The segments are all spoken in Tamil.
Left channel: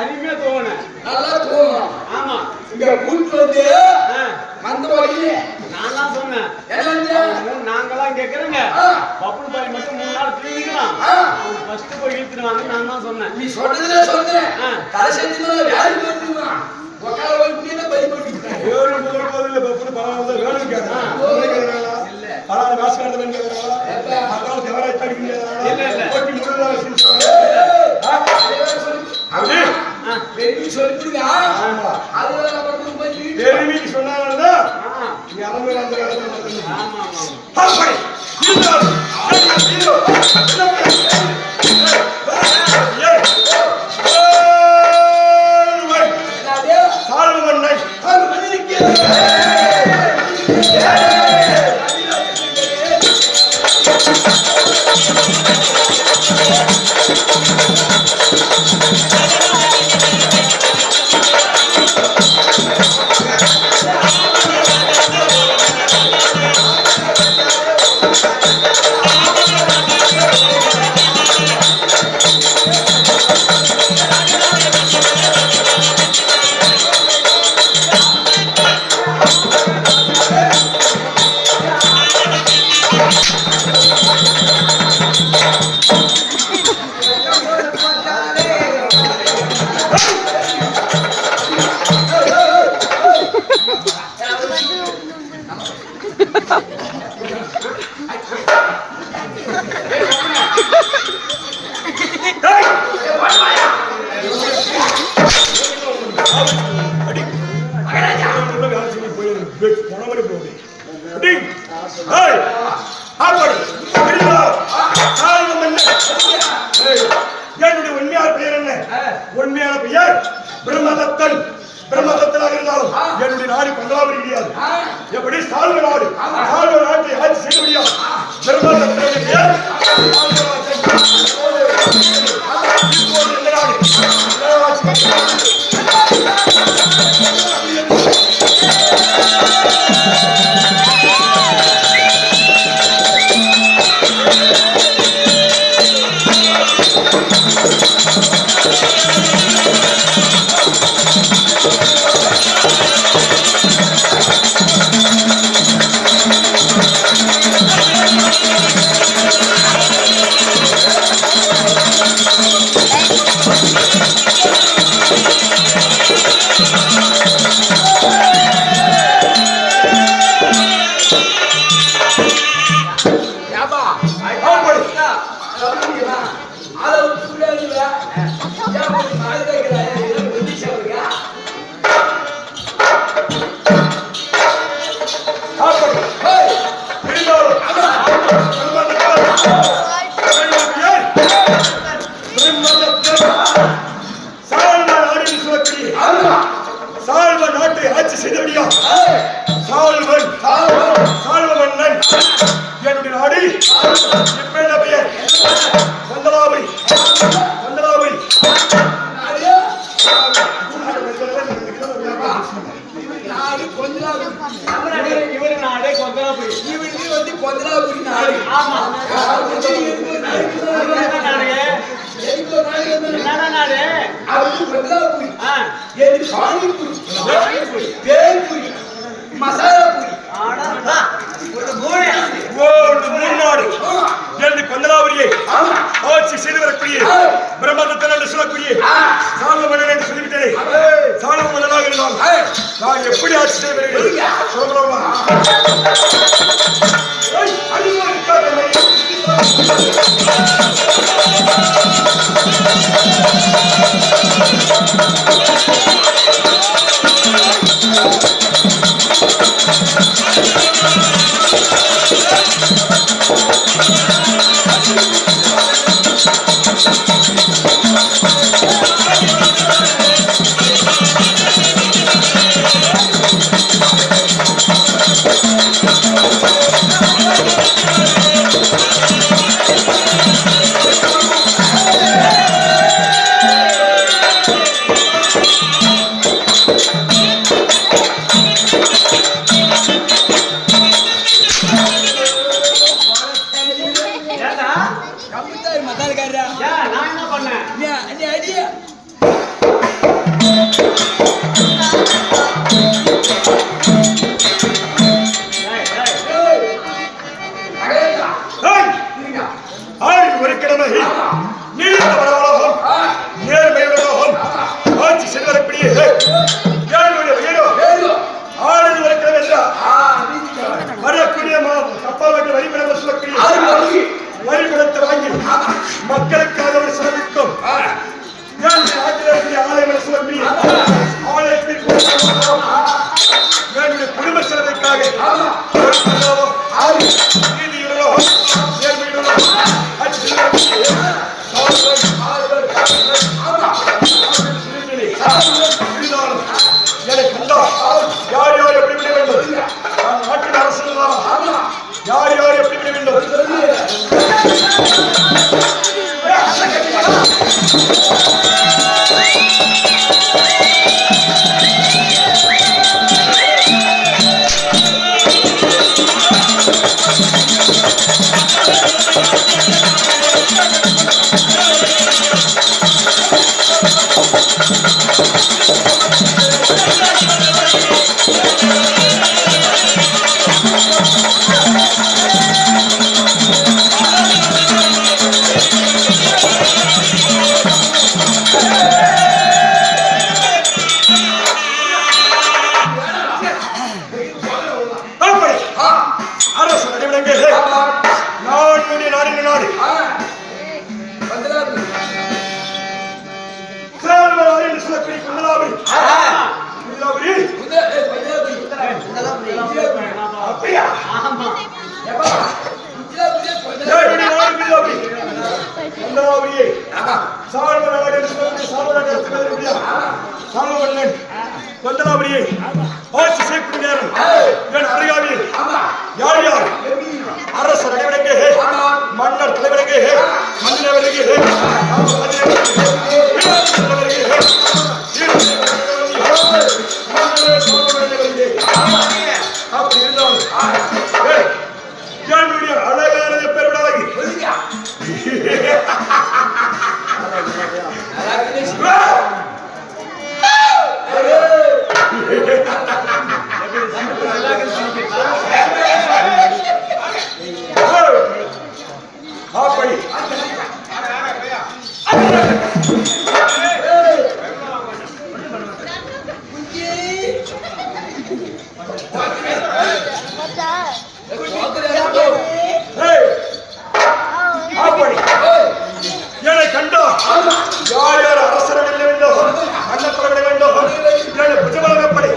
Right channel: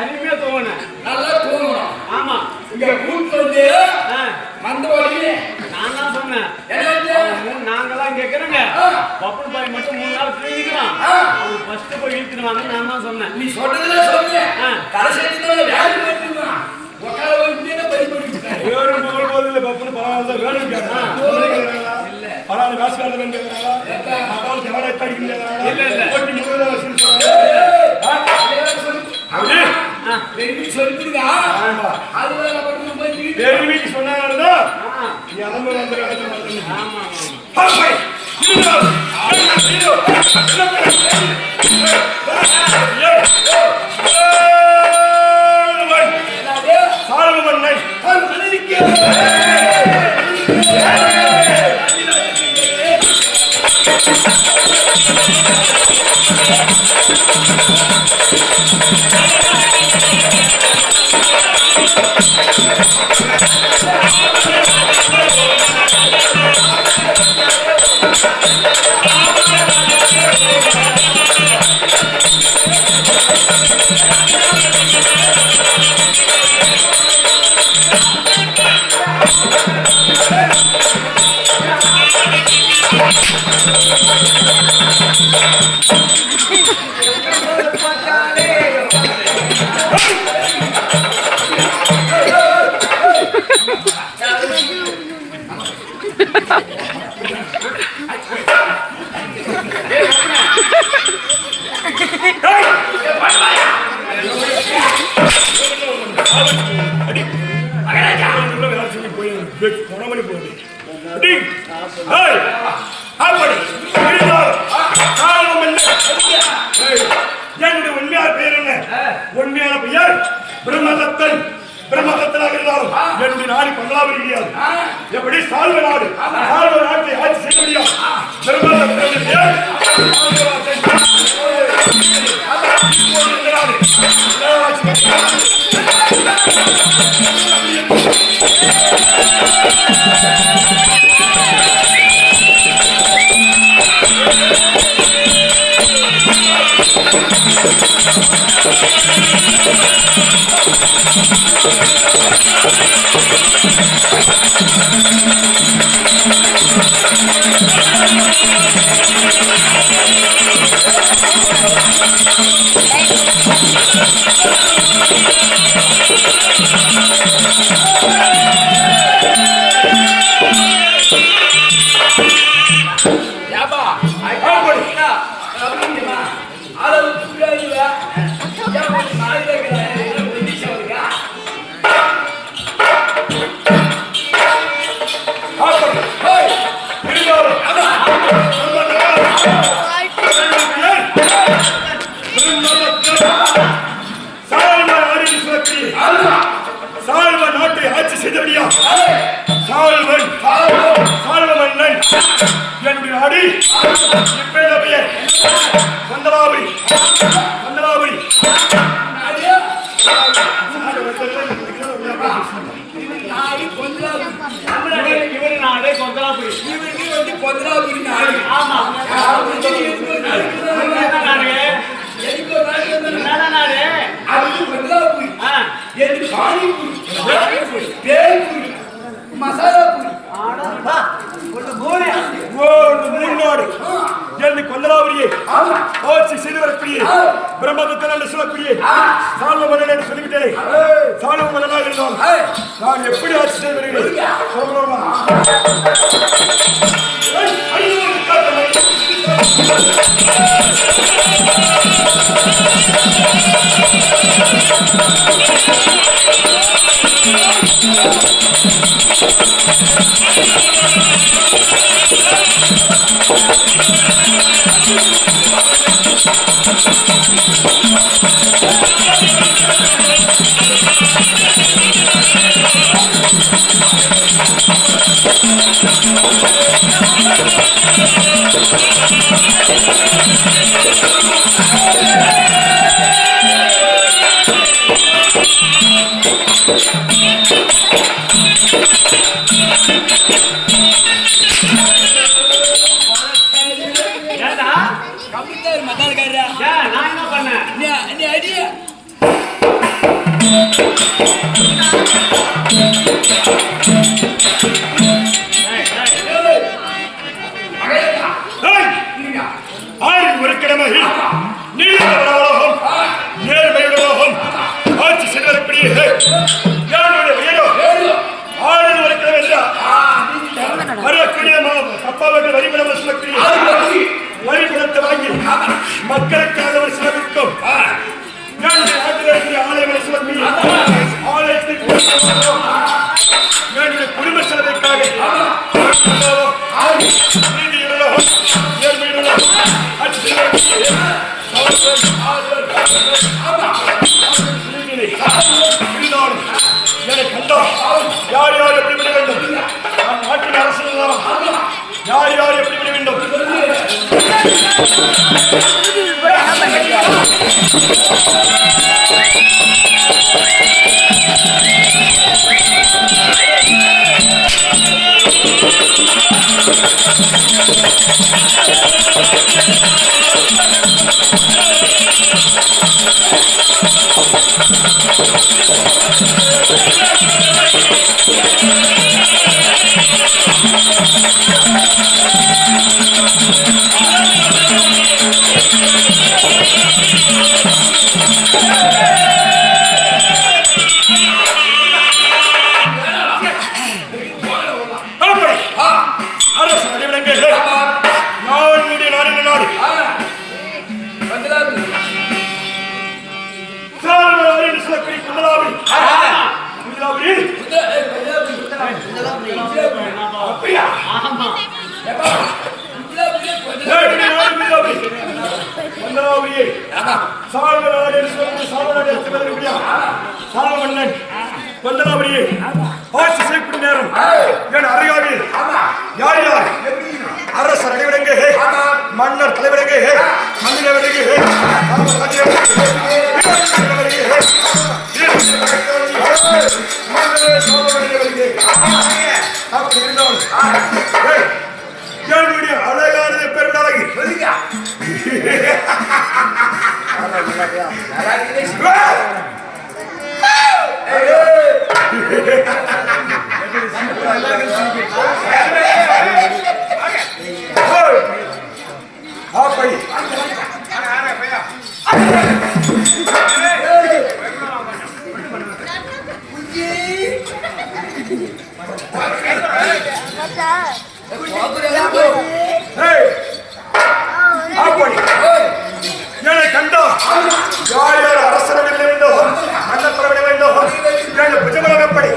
அருமையா தூங்கணும், நல்லா தூங்கணும். ஆமா, இங்க கூட்டு வந்து மந்த வழி நான் தான் சொன்னேன். நாங்கெல்லாம் கேட்கறேங்க பப்புன் பாய் மட்டும் 3 நாள் தூங்கிக்கலாம். அவங்க ஃபர்ஸ்ட் போய் இழுத்துருவாங்க. நான் தான் சொன்னேன். நீ சொன்னதுல சொன்னேன். கடைசி உக்கார வந்து பறி பண்ணிட்டாங்க. வேறு முதல் போதில்லை பப்புன் பரவாயில்ல வேணும் கேட்கறாங்க. இல்ல பரவாயில்ல காசு கார்டு கேட்கறாங்க. அதாவது ஜவடை தாடிக்கிறாங்க. இல்ல இல்ல போட்டி முழுதா வச்சு சொல்லிடுங்க. அதுதான் பக்கம் போய் தெரிவிக்கு சொன்னாங்கடா. நீ அலம்பு வந்து ஆமா ஆமா ஹாய் ஹீரோ ஹீரோ சால்வமன் நை சால்வமன் உண்மையான பெயர் பிரம்மதத்தன். பிரம்மதத்தனாக இருந்தாலும் என்னுடைய நாடு பங்களாபுரி கிடையாது. எப்படி சால்வ நாடு, சால்வ நாட்டை ஆட்சி செய்ய முடியாது. பிரம்மதத்தனுடைய பெயர் என்னுடைய நாடு பங்களாபுரி. பங்களாபுரி இவரு நாடு கொந்தலாபுரி. இவருக்கு வந்து கொந்தலாபுரி நாடு. ஆமா நாடு அவருக்கு கொந்தலாபுரி. எது பானிபுரி, பேல்புரி, மசாலாபுரி. நாடு என்று கொந்தலாபுரியை ஆட்சி செய்து வரக்கூடிய பிரம்மதத்தன் என்று சொல்லக்கூடிய சால்வ மன்னன் என்று சொல்லிவிட்டேனே. சால்வ மன்னனாக இருந்தால் நான் எப்படி ஆட்சி செய்ய வருகிறேன் சொல்லலாமா? என்று வரிபடம் சொல்லக்கூடிய வரிபடத்தை வாங்கி மக்களுக்காக ஒரு செலவிற்கும் ஆலயம் சொல்லக்கூடிய ஆலயத்தின் குடும்ப செலவிற்காக நீதியுடனோ நேர்மையுடனோ எனக்கு கண்டா யார் யார் எப்படி விட வேண்டும் நாட்டின் அரசு யார் யார் எப்படி விட வேண்டும் கொண்டலாபுரியை ஆட்சி செய்யக்கூடிய நேரம் என் அருகாமையில் யார் யார் அரசர் அனைவரங்கே மன்னர் தலைவரங்கே மன்னினவரங்கே அப்படி இருந்தாலும் என்னுடைய அழகானது பெருமை அழகி அப்படி என்னை கண்டா யார் யார் அரசரை விட வேண்டும் அன்னப்பட விட வேண்டும் என்னை புஜபலம் எப்படி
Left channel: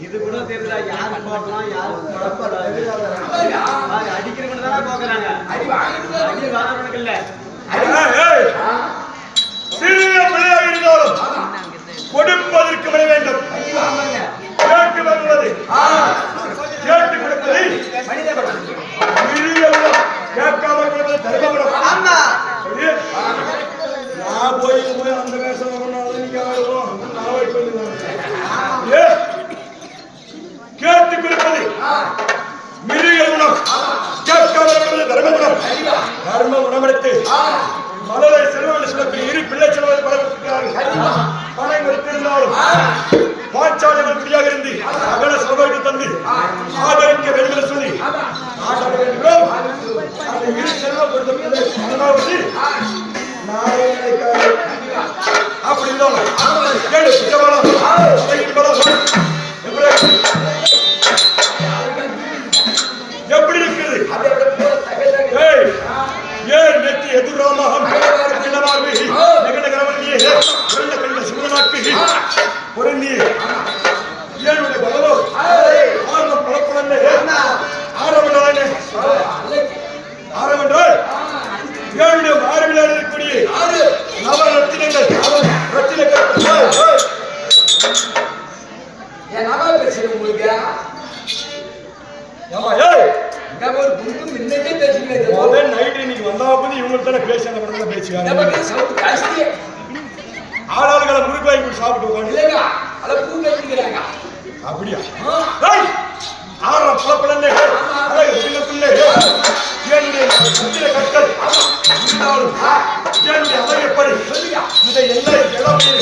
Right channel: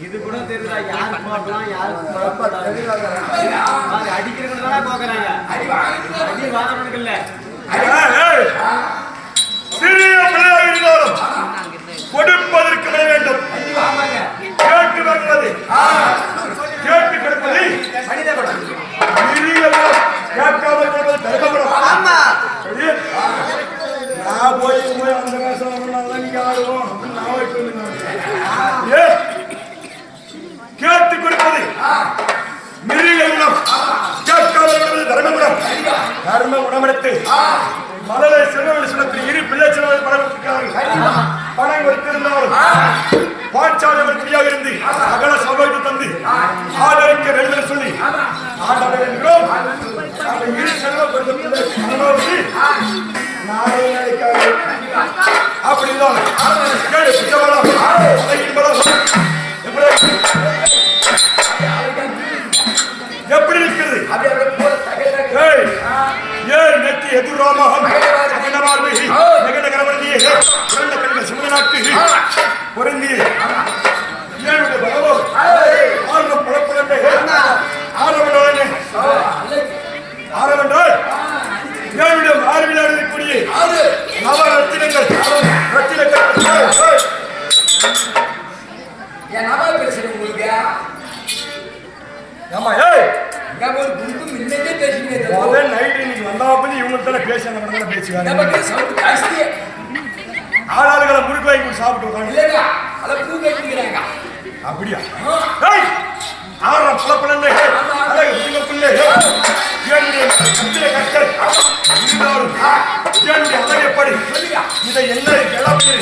இது கூட தெரியல யாரு போடலாம் யாரு அடிக்கிறவங்க தானே போக்குறாங்க அடி வாரவனுக்கு இல்ல சிறிய பிள்ளையாக இருந்தாலும் கொடுப்பதற்கு வர வேண்டும் கேட்டு வருவது கேட்டு கொடுப்பதை கேட்காத கொடுப்பது தர்மபுரம் நான் போய் அந்த வேஷம் நீங்க ஆடுவோம் கேட்டு கொடுப்பது மிருக குணம் கேட்காத தர்மகுணம் தர்ம குணமெடுத்து மலரை செல்வங்கள் சொல்லக்கூடிய இரு பிள்ளை செல்வதை பழகிறார்கள் பணம் கொடுத்திருந்தாலும் பாஞ்சாலை வெற்றியாக இருந்து அகல சகோதரத்தை தந்து ஆதரிக்க வேண்டும் என்று சொல்லி ஆதரிக்கிறோம். அந்த இரு செல்வப்படுத்த நாளை நினைக்காது அப்படி இருந்தாலும் கேடு புஜபலம் எப்படி இருக்கிறது ஏன் நெத்தி எதுராமகம் அகிலமார்பி நகநகரவனியே உரண்ட கண்ட சிவனாக்கு பொருந்தி ஏழுடைய பலவோ ஆர்வம் பலக்குழந்தை ஆரவண்டவனே ஆரவண்டால் ஏழுடைய மார்பிலாடு இருக்கக்கூடிய நவ ரத்தினங்கள் ரத்தினங்கள் என் நவா பேசுறேன் உங்களுக்கு ஆமா ஏய் ஒரு குண்டு முன்னே பேசினேன் அவன் நைட் இன்னைக்கு வந்தாப்ப இவங்க தான பேசின கடல பேசியாங்க நமக்கு சவுண்ட் காஸ்தி ஆளாளுகளை முறுக்கு வாங்கி போட்டு சாப்பிட்டு உட்கார்ந்து இல்லையா அத பூ கேட்கிறாங்க அப்படியா ஏய் ஆற பலப்பலன்னே அழகு பிள்ளைக்குள்ளே ஏனுடைய கத்திர கட்டல் இருந்தாலும் ஏனுடைய அழகப்படி இதை என்ன கிளம்பி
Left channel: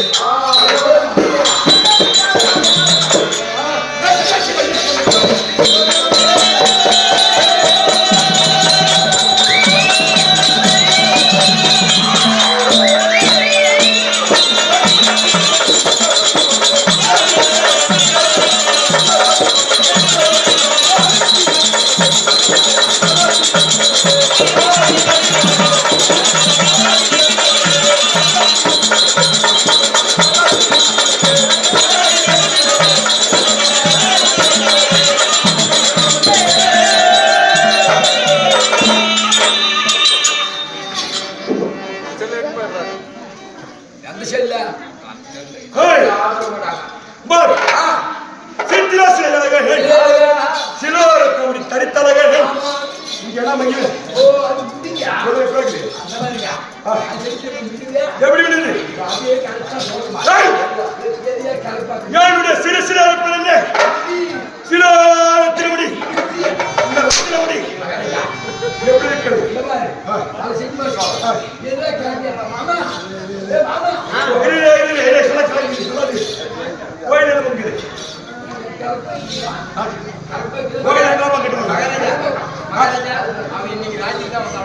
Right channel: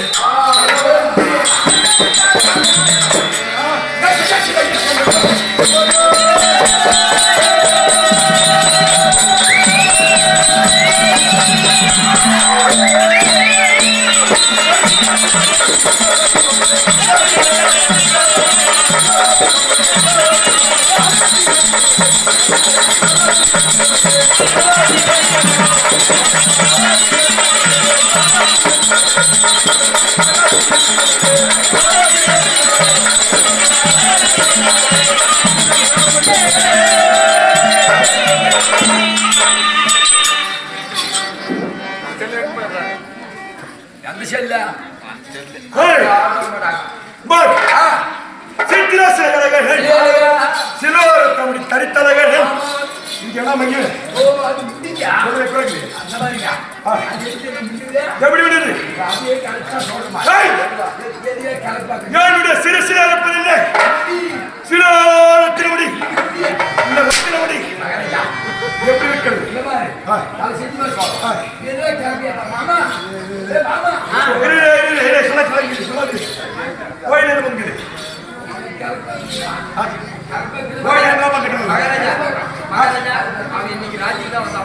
அந்த செல்ல சிலோரத்தமுடி தரித்தலகள் இங்க எல்லாம் மையம் ஓ அது முடிஞ்சா அந்த மாதிரியா எப்படி விடுது அதே கரெக்டா சொல்லுமா ஏரியா கரெக்டா என்னுடைய சிறு சிறு இருப்பதில்லை சிலோரத்தினுடி இந்த ரத்தினமுடி எப்படி இருக்கிறது இந்த மாதிரி நாளை சினிமா சொல்றேன் ஏரியா கரெக்டா மாமா ஏ மாமா கோயில் முங்குது கோயில் என்ன பண்ணிட்டு மகாராஜா அவன் இன்னைக்கு ராஜ்யம் தான்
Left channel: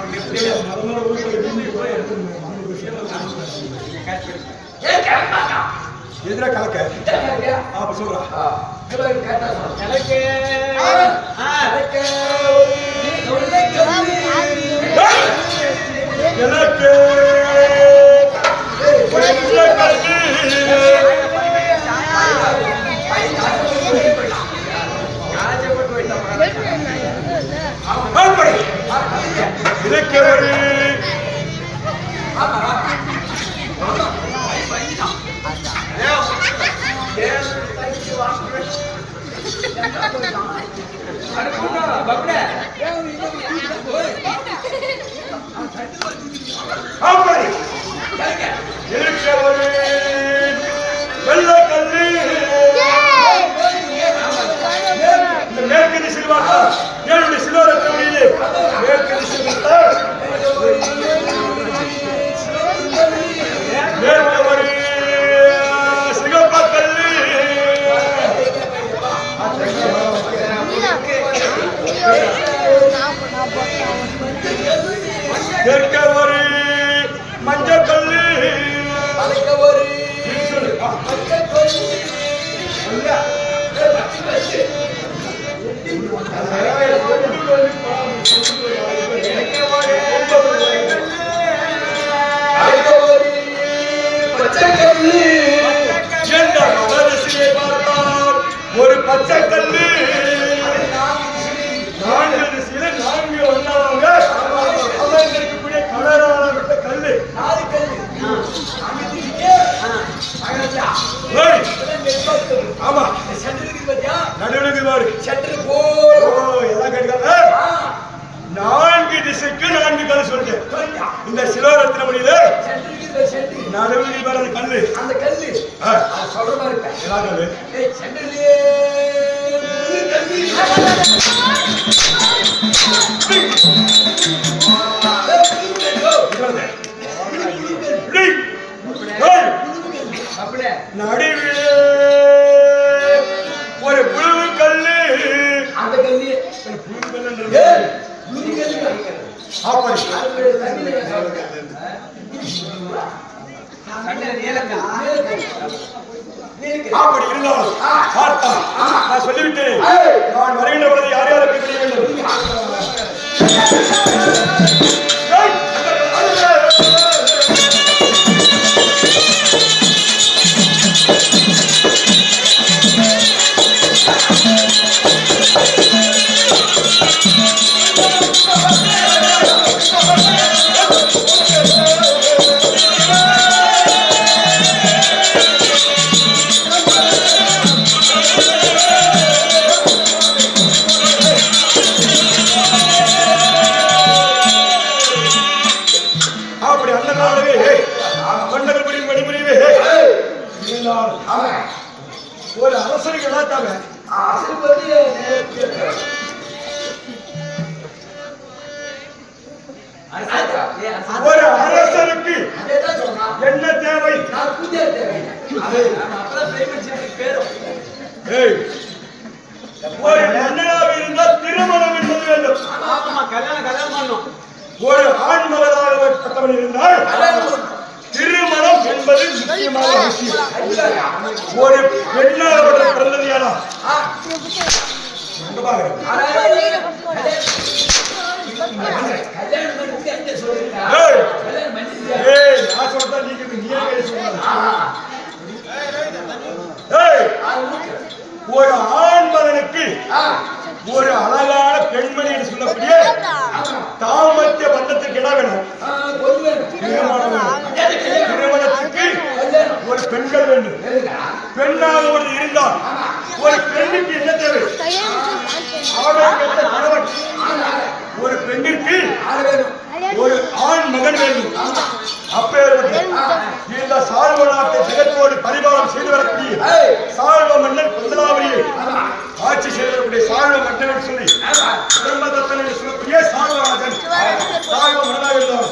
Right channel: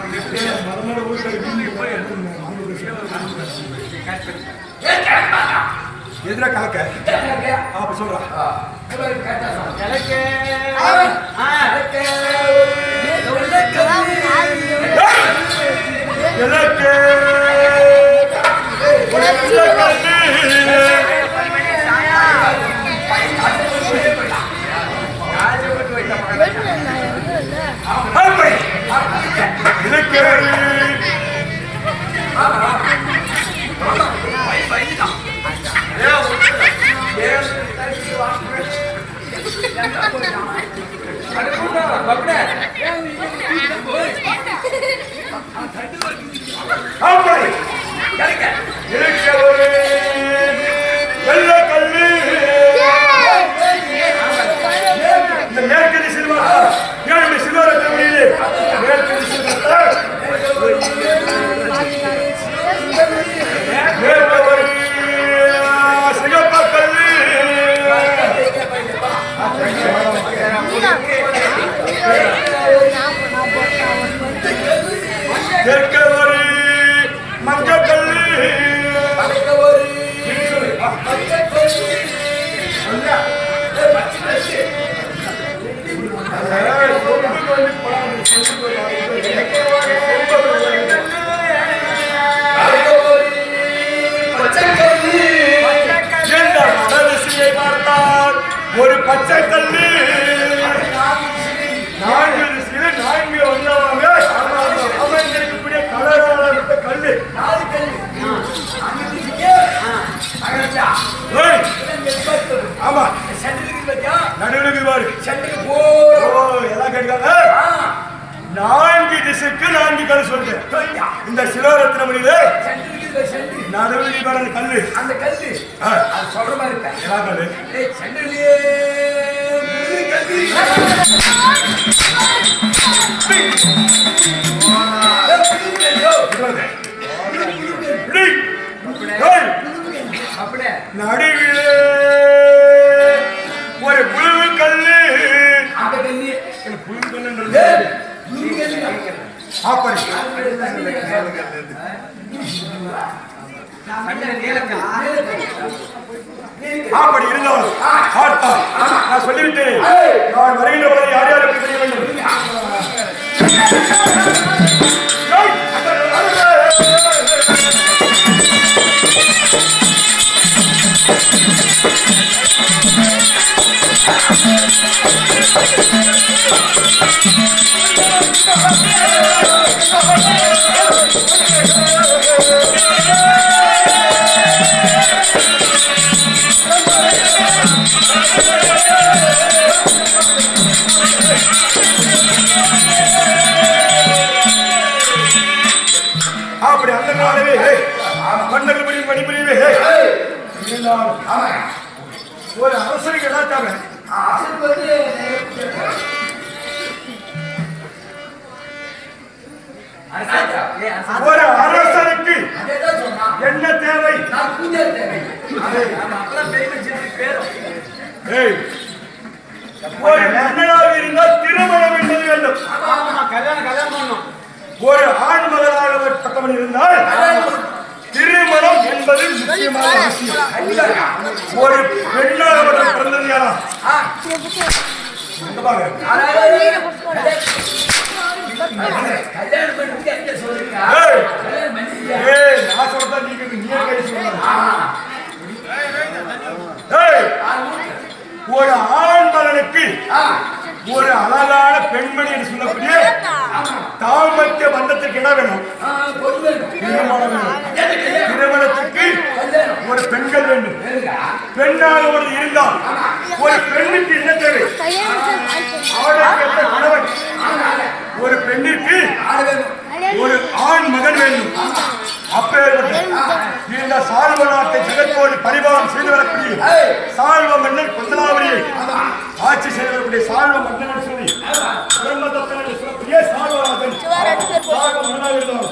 எதிர கலக்க அப்ப சொல்றான் எனக்கு மேற்கதி செல்வாக்கா என்னுடைய சிலோரத்தை மேற்கதி செல்வார் மேற்கவரு சிகப்பக்கல்லி மேற்கவரு மஞ்சக்கல்லி ஒரு பச்சை கல்லு நான்கு ஒன்றாவாங்க அமைந்திருக்கக்கூடிய கலரான கல்லு ஆமா நடுவில் பாரு எல்லாம் கேட்காங்க 4 திசைக்கு 4 கல் சொல்றேன் இந்த சிலோரத்தின மொழியில நடுவில் பாரு கல்லு அந்த கல்லு அது சொல்ற மாதிரி இல்ல எல்லா கல்லு சென்டர்லயே நடுவிலே ஒரு புழு கல்லு அந்த கல்லு புழு கல்லு அப்படி அப்படி இருந்தாலும் நான் சொல்லிவிட்டேன் நான் வருகின்ற பொழுது யார் யார் எப்படி பண்ண வேண்டும் அப்படி அந்த காலவே மன்னர்கள் படி பணிபுரியவே ஒரு அரசனுக்கு எதாச்சாங்க ஒரு அரசனுக்கு என்ன தேவை? ஒரு மன்னனாக இருந்தால் திருமணம் என்பது வேண்டும். கல்யாணம் பண்ணும். ஒரு ஆண் மகனாக பட்டவன் இருந்தால் திருமணம் என்பது முக்கியமான அவசியம். ஒரு பெண்ணாக பிறந்தது யாரா? ஒரு ஆண் மகனுக்கு ஒரு அழகான பெண்மணி என்று சொல்லக்கூடிய தாமத்திய பந்தத்துக்கு இடம் வேணும். திருமணம் வேணும். திருமணத்துக்கு ஒரு பெண்கள் வேண்டும். பெண்ணாக ஒரு இருந்தால் ஒரு பெண்ணுக்கு என்ன தேவை? அவனுக்கு கணவன். ஒரு பெண்ணிற்கு ஒரு ஆண் மகன் வேண்டும். அப்பேற்பட்ட இந்த சால்வ நாட்டை ஜெகத்தோடு பரிபாலம் செய்து வரக்கூடிய சால்வ மன்னன் கொந்தலாவரியை ஆட்சி செய்து வரக்கூடிய சால்வ மன்னன் சொல்லி பிரம்மதத்தன் என்று சொல்லக்கூடிய சால்வராஜன் சால்வ மன்னனாக இருந்தார்.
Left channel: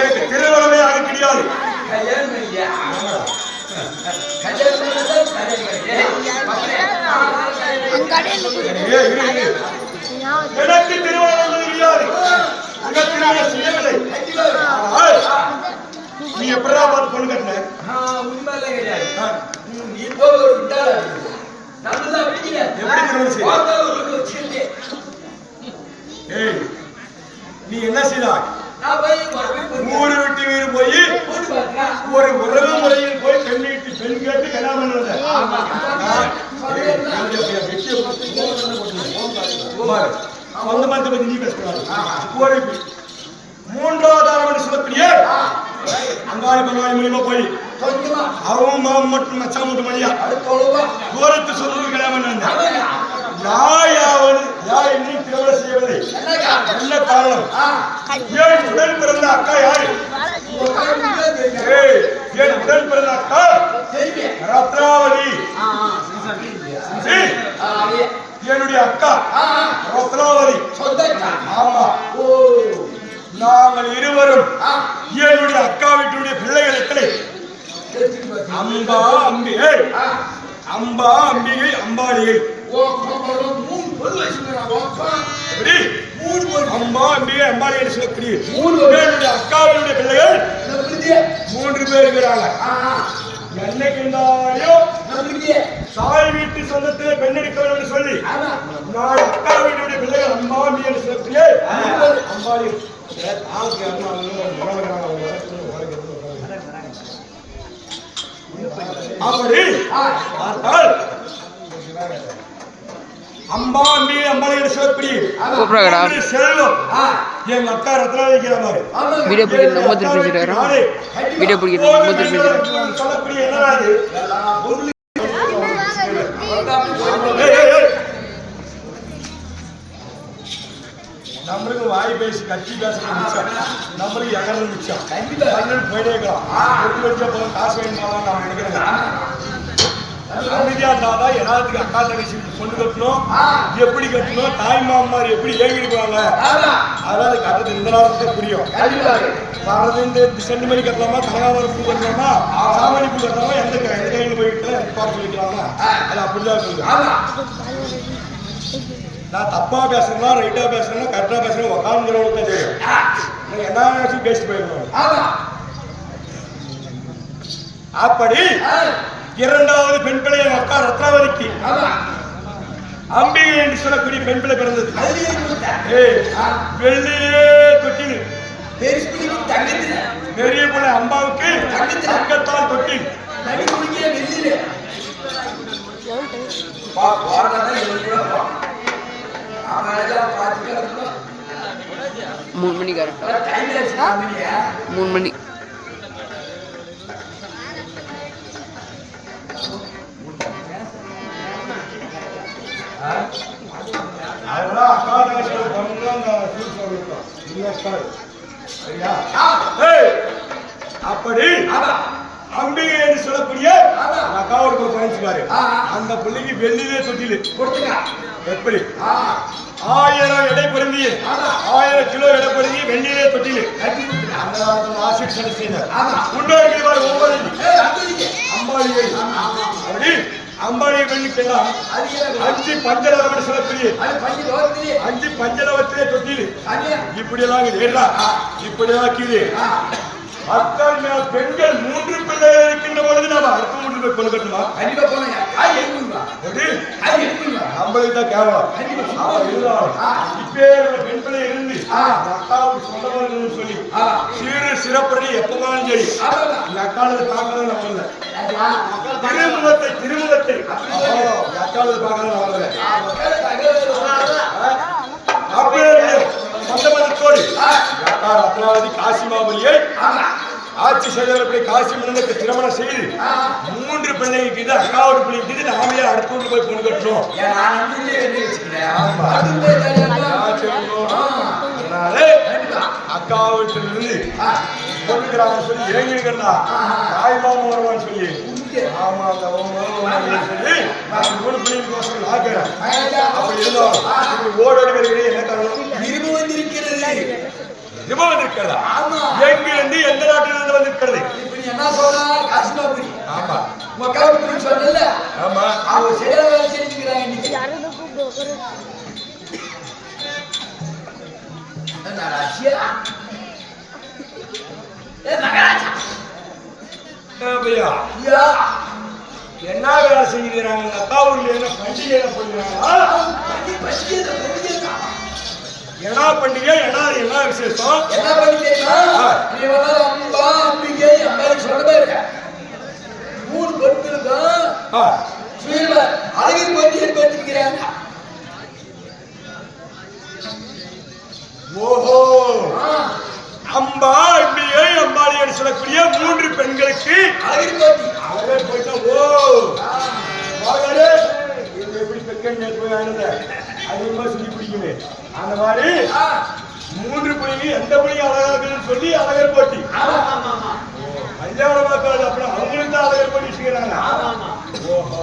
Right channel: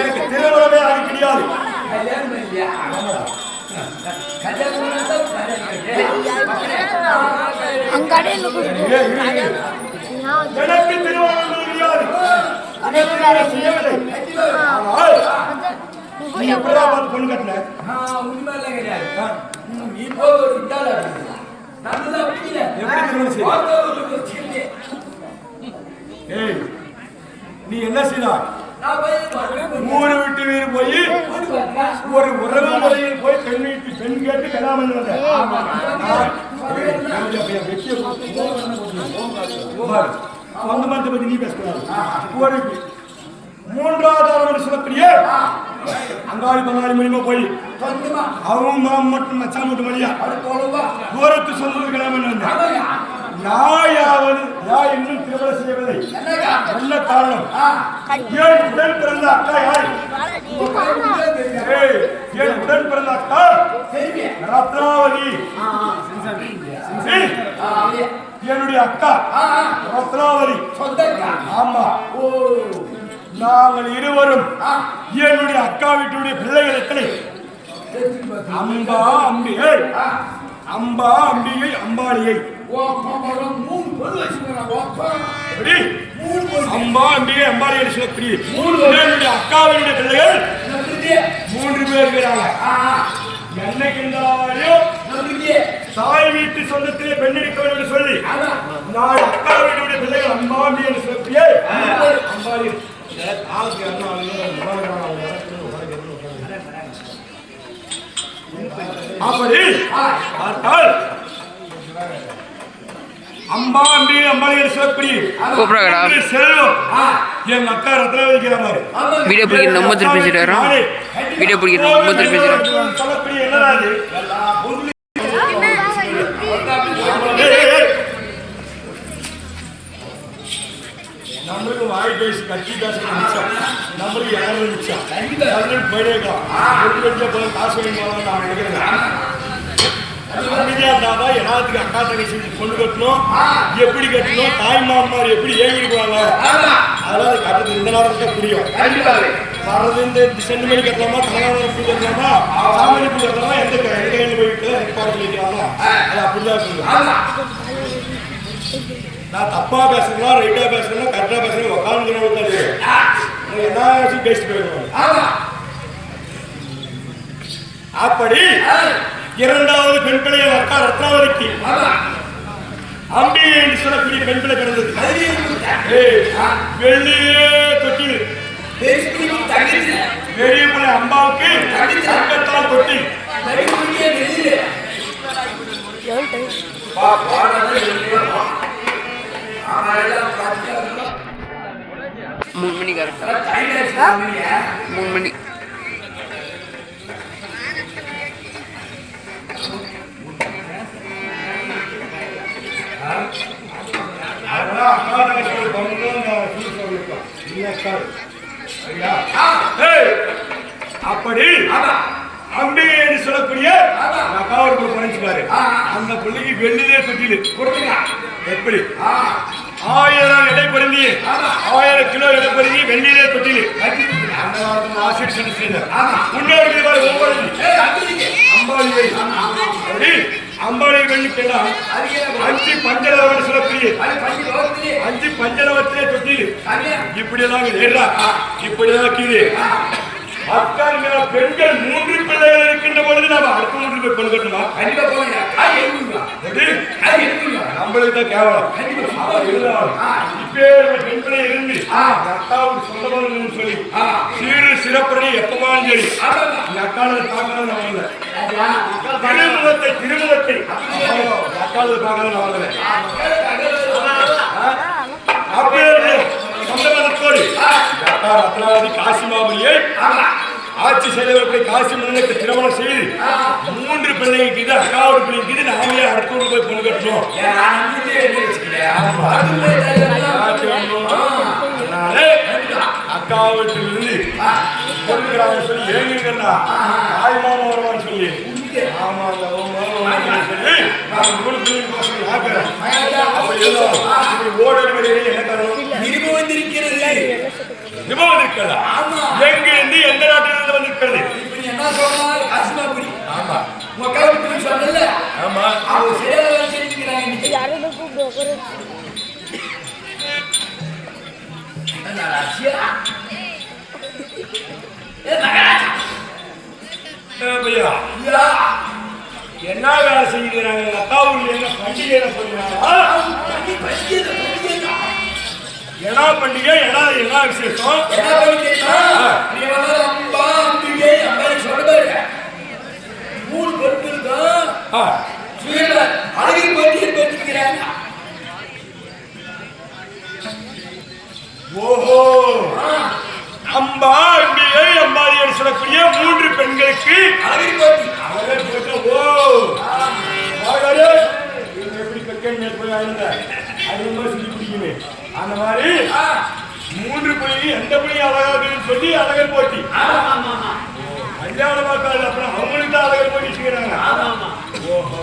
எனக்கு திருமணமே ஆக கிடையாது. எனக்கு திருமணம் கிடையாது. திருமணம் செய்யவில்லை. ஆனால் நீ எப்படா பார்த்து பொண்ணு கட்டின? நீ என்ன செய்தாய்? ஊரு விட்டு வீடு போய் ஒரு உறவு முறையில் போய் பெண் வீட்டு பெண் கேட்டு கல்யாணம் வந்த சொந்த மந்த பத்தி நீ பேசுறாரு. ஒரு மூன்றாவது ஆரம்பி சுமத்திரியே அங்காளி பங்காளி மூலியமா போய் அவன் மாம் மட்டும் மச்சா மூட்டு மணியா தூரத்து சொல்லுவது கல்யாணம் யாயாவது யார் இன்னும் திருமணம் செய்யவில்லை. என்ன காரணம்? ஏன் உடன் பிறந்த அக்கா யாரு? ஏன் உடன் பிறந்த அக்கா ரத்னாவதி. என்னுடைய அக்கா ரத்னாவதி. ஆமா, நாங்கள் இருவரும் என்னுடைய அக்கா வீட்டுடைய பிள்ளைகள் எத்தனை? அம்பா அம்பிகை, அம்பா அம்பிகை, அம்பாளிகை. அம்பா அம்பிகை அம்பாளிகை சொல்லக்கூடிய என்னுடைய அக்காவினுடைய பிள்ளைகள் 3 பேர் இருக்கிறாங்க. என்னைக்கு இருந்தாலும் தாய் வீட்டு சொந்தத்திலே பெண் எடுக்க வேண்டும் சொல்லி நான் அக்கா வீட்டுடைய பிள்ளைகள் அம்பா அம்பிகை சொல்லக்கூடிய அம்பாளி. அப்படி பார்த்தால் அம்பா அம்பிகை அம்பாளிகை சொல்லக்கூடிய செல்வம் எங்க அக்கா ரத்னாவதி வைக்கிறாரு. வீடியோ பிடிக்கிற நம்ம திருப்பி பேசிட்டு வீடியோ பிடிக்கிற நம்ம திருப்பி பேசிட்டு சொல்லக்கூடிய என்னடாது நம்மளுக்கு வாய் பேசி கட்சி பேச நம்மளுக்கு எகறது மிச்சம் போயிட்டே இருக்கலாம். காசு வாங்கி போகலாம் நான் நினைக்கிறேன். அமைதியா இருந்தாதான் எல்லாத்துக்கும் அக்கா தங்கச்சி பொண்ணு கட்டணும், எப்படி கட்டணும், தாய் மாமார் எப்படி ஏங்கிடுவாங்க அதெல்லாம் அது கட்டது இந்த நேரத்துல புரியும். வர்றது இந்த செண்டு மணி கட்டலாமா, கனகாவரம் பூ கட்டலாமா, சாமணி பூ கட்டலாமா, எந்த கையில போயிட்டு பாடத்தில் வைக்கலாமா, அது அப்படிதான் சொல்லுவேன். நான் தப்பா பேசுறேன்னா ரைட்டா பேசுறேன்னா கரெக்டா பேசுறேன் உட்காந்துக்கிறவங்க தான் தெரியும். எல்லாச்சும் பேசி போயிடுவாங்க. அப்படி இரண்டாவது பெண் பிள்ளை என் அக்கா ரத்னாவதிக்கு அம்பிகை என்று சொல்லக்கூடிய பெண் பிள்ளை பிறந்தது. வெள்ளியே தொட்டில் பெரிய பிள்ளை அம்பாவுக்கு தங்கத்தால் தொட்டி. 3 மணி கரெக்டா 3 மணி. அதெல்லாம் அக்கா தங்கச்சி சரியா? ஆ. ஏய், அப்படி ஆமா. அம்பிகை என்று சொல்லக்கூடிய ஆமா. அக்காவோட போய் குறைச்சு பாரு. ஆ. அந்த பிள்ளைக்கு வெள்ளிலே தொட்டிலு கொடுத்துங்க. எப்படி ஆ. 1000 எடை பொருந்தி ஆமா. 1000 கிலோ எடை பொருந்தி வெள்ளிலே தொட்டிலு கட்டி கொடுத்துங்க. அந்த காலத்துல ஆசிரியர் சண்டை செய்தார். ஆமா. முன்னோருக்கு பாரு ஒவ்வொரு ஏய், அம்பிகை. அம்பாளிகை அப்படி அம்பாளிகை வெள்ளிக்கெல்லாம் அதுக்கு என்ன 5 பஞ்சலவம் சொல்லக்கூடிய அது பஞ்சு ரோட்டிலே 5 பஞ்சலவத்திலே தொட்டிலு சரியா? இப்படி எல்லாம் ஏறா இப்படி எல்லாம் இருக்குது. அக்கால் பெண்கள் 3 பிள்ளைகள் இருக்கின்ற பொழுது நாம அடுத்த 3 போய் கொண்டு கட்டணுமா? கண்டிப்பா போனீங்க. அது எடுத்துவா. எப்படி அது எடுத்துவா. நம்மளுக்கு தான் கேவலம். அப்ப இருந்தாலும் இப்ப பெண் பிள்ளை இருந்து அக்காவுக்கு சொந்தமாக சொல்லி ஆமா. சீரு சிறப்படி எப்பமாலும் சரி ஆமா. இந்த அக்கால பார்க்காத நான் வரல. மக்கள் திருமுகத்தை அக்கால பார்க்காத நான் வரல. அப்படி சொந்தமதத்தோடு அக்கா ரத்னாவதி காசிமாமணியை ஆட்சி செய்தவர்களை காசி மன்னனுக்கு திருமணம் செய்து 3 பிள்ளைங்களுக்கு இது அக்காவோட பிள்ளைங்களுக்கு இது நாமே அடுத்த ஊருக்கு போய் பொண்ணு கட்டணும். ஆமா. அதனால அக்கா வீட்டிலிருந்து பொண்ணுக்கிறான்னு சொல்லி இறங்கிருக்கிறா தாய்மாமா வருவான்னு சொல்லி ஆமா அந்த சொல்லி 3 பிள்ளைங்களுக்கு ஆக்குறேன். அப்படி இருந்தோம் இப்படி ஓடோடி வருகிறேன். என்ன காரணம்? நிருபம் வந்திருக்கிறது. நிபம் வந்திருக்கிறதா? எங்கிருந்து எந்த நாட்டிலிருந்து வந்திருக்கிறது? இப்ப நீ என்ன சொல்றா? காசிமாபுரி. ஆமா. உங்க அக்காவுக்கு நீ சொன்னல. ஆமா. அவங்க சரியான வேலை செஞ்சுக்கிறாங்க இன்னைக்கு. என்ன ராசியா? மகாராஜா. பையா யா. என்ன வேலை செய்கிறாங்க? அக்கா ஊர்ல என்ன பண்டிகை என்ன பண்ணுறாங்க? என்ன பண்டிகை என்ன விசேஷம்? என்ன பண்ணிட்டீங்கன்னா நீ வந்து அம்பா அம்பிகை அம்பாளுக்கு சொல்ல பாருங்க. 3 பொருட்களுக்கும் சீல அழகின் போட்டி ஏற்படுத்திக்கிறாங்க. ஓஹோ அம்பா அம்பிகை அம்பாளி என்று சொல்லக்கூடிய 3 பெண்களுக்கு அழகின் போட்டி. அழகே போயிட்டா. ஓ வாயாலே இவங்க எப்படி பெக்கன்னு போய் ஆயிருந்த அதிகமா சொல்லி பிடிக்குமே அந்த மாதிரி 3 புள்ளி எந்த புள்ளி அழகாகுன்னு சொல்லி அழகர் போட்டி. கல்யாணம் பார்க்காது அப்புறம் அவங்களுக்கு தான் அழகர் போட்டி செய்யறாங்க. ஓஹோ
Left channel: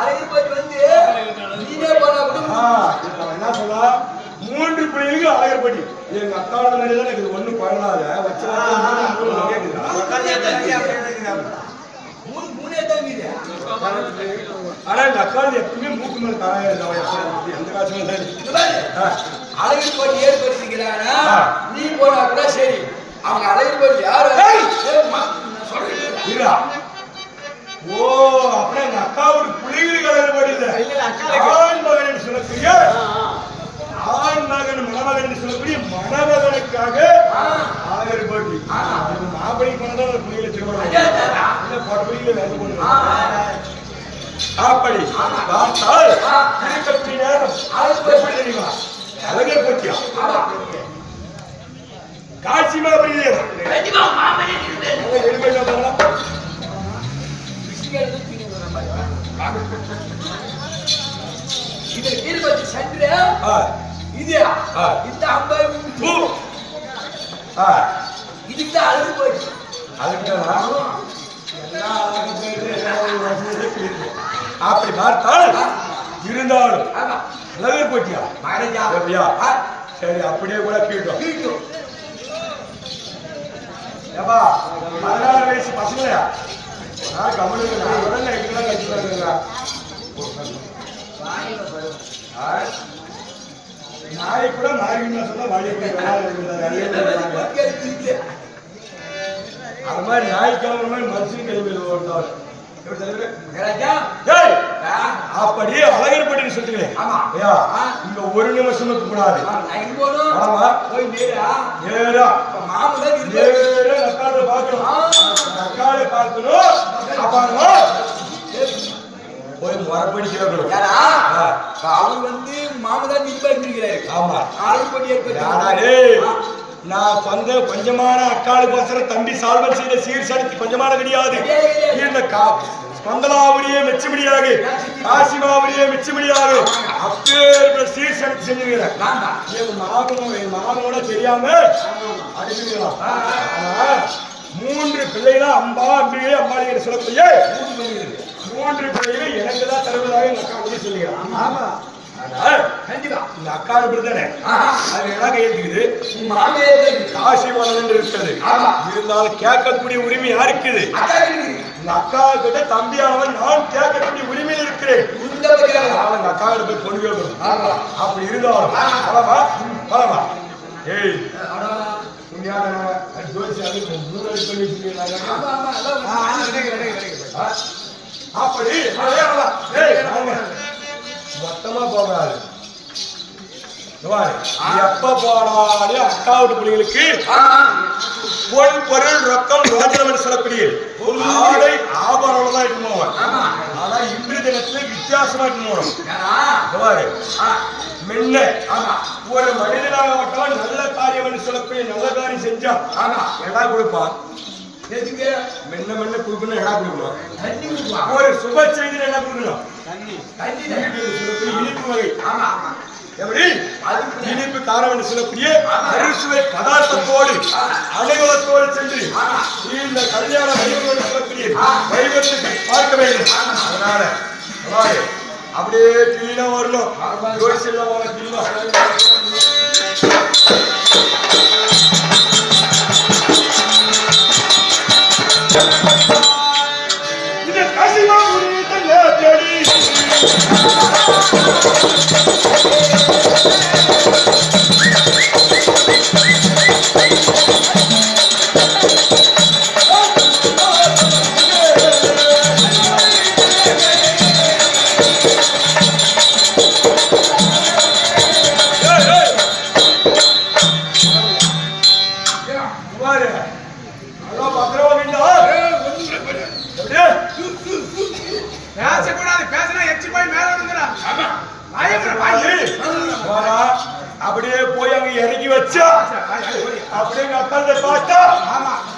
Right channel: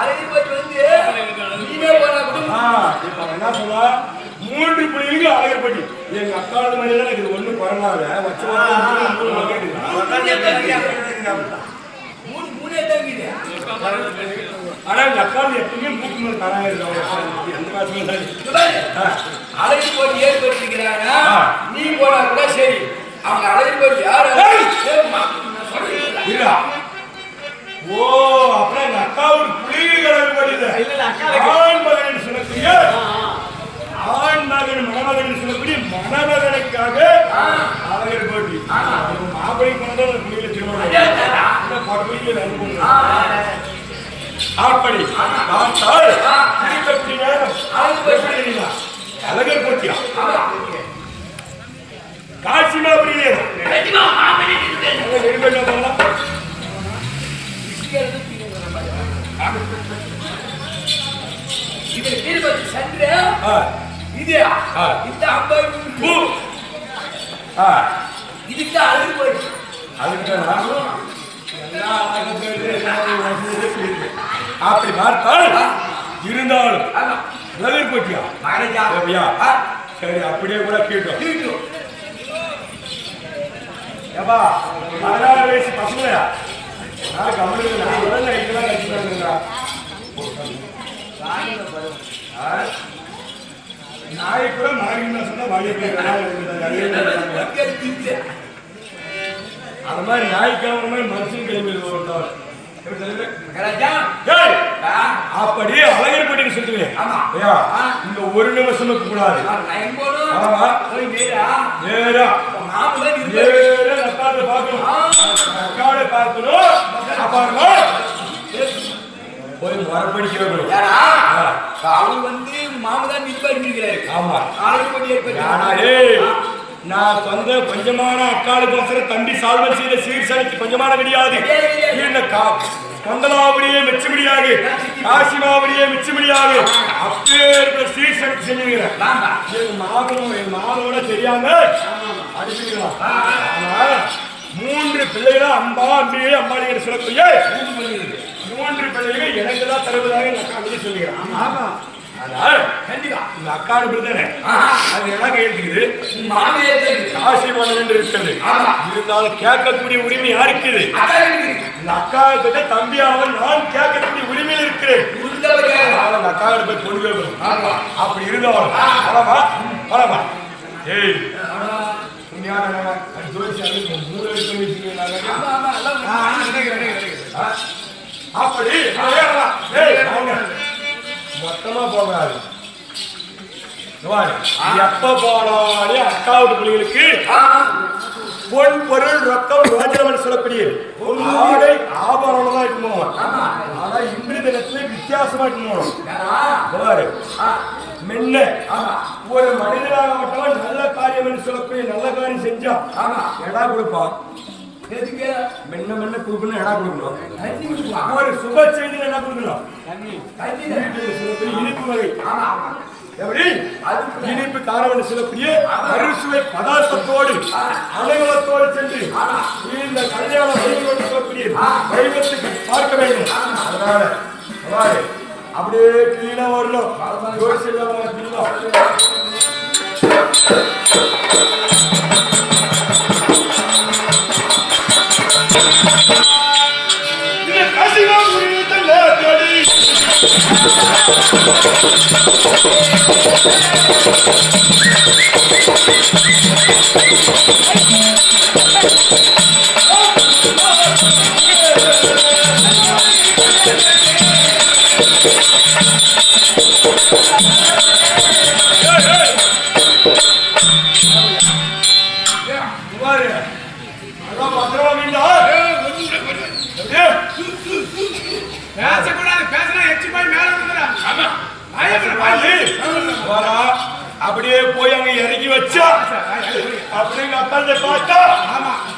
அழகின் போட்டி வந்து நீவே போனா கூட என்ன சொல்ல 3 புள்ளிகளுக்கு அழகர் போட்டி. எங்க அக்காவது மாதிரி தான் எனக்கு ஒண்ணு குழந்தை வச்ச மூணே தாங்கிது. ஆனா இந்த அக்காவது எப்பவுமே மூக்கு மேல தராங்க எந்த காசுமே அழகின் போட்டி ஏற்படுத்திக்கிறாங்க. நீ போனா கூட சரி. அவங்க அழகின் போட்டி யாரு? இல்ல ஓ அப்படியே எங்க அக்காவோட புள்ளிகள் படிது ஆண் மகன் என்று சொல்லக்கூடிய ஆண் மகன் மணமகன் சொல்லக்கூடிய மணமகனுக்காக அழகர் போட்டி. மாப்பிள்ளை கொண்டா புள்ளிகளை திருமணம் பொறுப்பில் வந்து கொண்டு அப்படி பார்த்தால் திருப்பி நேரம் தெரியுமா அழகர் போட்டியா காசிமாபுரி நேரம் இது தீர்ப்பதி சென்று இது இந்த அம்பாய் இதுக்கு அழகு போயிடுச்சு. அப்படி பார்த்தால் இருந்தாலும் அழகர் போட்டியா மகாராஜா சரி அப்படியே கூட கேட்டோம். ஏப்பா 16 வயசு பசங்களா கம்முன்னு நான் உடனே நைட்டுலாம் கழிச்சுட்டாங்க. நாய் கூட மாறினா சொன்னா வாழை அந்த மாதிரி நாய் கிளம்புற மாதிரி மனுஷன் கிளம்பி வந்தார். அப்படி அழகர் போட்டின்னு சொல்லுவேன். இங்க ஒரு நிமிஷமுக்கு கூடாது. நேரா நக்கால பார்க்கணும் அப்பாருமா போய் மரப்படிக்கிறோம். அவர் வந்து மாமதான் நிர்பந்திக்கிறாரு. ஆமா அழகர் போட்டி ஏற்படுத்தி நான் சொந்த கொஞ்சமான அக்காளுக்கு தம்பி சால்வன் செய்த சீர்சனைக்கு கொஞ்சமான கிடையாது. கந்தலாபடியே மெச்சபடியாக காசிமாபடியே மெச்சபடியாக அப்பேற்பட்ட சீர்சனுக்கு செஞ்சுக்கிறேன். என் மாமனோட தெரியாம அனுப்பிக்கலாம். ஆனா 3 பிள்ளைகளா அம்பா அம்பியே அம்பாளிகிற சொல்லக்கூடிய 3 பிள்ளைகள் எனக்கு தான் தருவதாக எங்க அக்கா கூட சொல்லுகிறேன். ஆமா, ஆனால் கண்டிப்பா இந்த அக்காடு பிறந்தானே அது எனக்கு ஏற்றுக்குது, காசிமானம் என்று இருக்கிறது. இருந்தாலும் கேட்கக்கூடிய உரிமை யாருக்கு? இந்த அக்கா கிட்ட தம்பியானவன் நான் கேட்கக்கூடிய உரிமையில் இருக்கிறேன். அந்த அக்கா கிட்ட போய் பொண்ணு கேட்கணும். அப்படி இருந்தாலும் பலமா பலமா ஏய் அப்படி மொத்தமா போகாது. எப்ப போனாலும் அக்கா வீட்டு பிள்ளைகளுக்கு பொன் பொருள் ரொக்கம் ரோஜனவன் சொல்லக்கூடிய ஆடை ஆபரணம் தான் இட்டு போவான். ஆனா இன்று தினத்துல வித்தியாசமா இட்டு போகணும். மென்ன ஒரு மனிதனாகப்பட்டவன் நல்ல காரியம் என்று சொல்லக்கூடிய நல்ல காரியம் செஞ்சா எடா கொடுப்பான். மென்ன மென்ன கொடுக்கணும், எடா கொடுக்கணும். ஒரு சுப செய்தியில் என்ன கொடுக்கணும்? இனிப்பு வகை. எப்படி இனிப்பு காரம் என்று சொல்லக்கூடிய அறுசுவை பதார்த்தத்தோடு அனைவரத்தோடு சென்று இந்த கல்யாண வைபவம் சொல்லக்கூடிய வைபவத்துக்கு பார்க்க வேண்டும். அதனால அப்படியே கிளீனா வரணும். கசிமா அப்படியே போய் அங்க இறங்கி வச்சா அப்படியே எங்க அப்பா பார்த்தா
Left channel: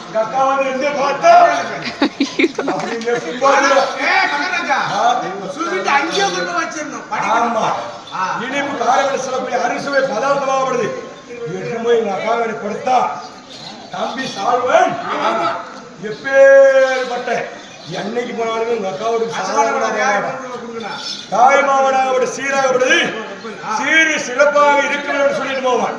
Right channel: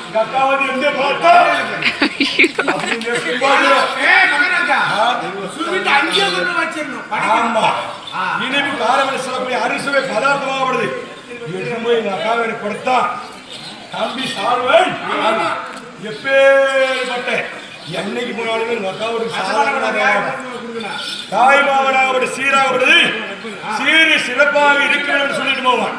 எங்க அக்கா வந்து எங்க பார்த்தா ஆமா இனிப்பு காரம் சொல்லக்கூடிய அரிசுவை பதார்த்தமாகப்படுது. எங்க அக்கா கொடுத்தா தம்பி சால்வன் எப்பேற்பட்ட என்னைக்கு போனாலும் எங்க அக்காவோட தாய்மாவனாக சீராகப்படுது. சீரி சிறப்பாக இருக்கிறது சொல்லிட்டு போவான்.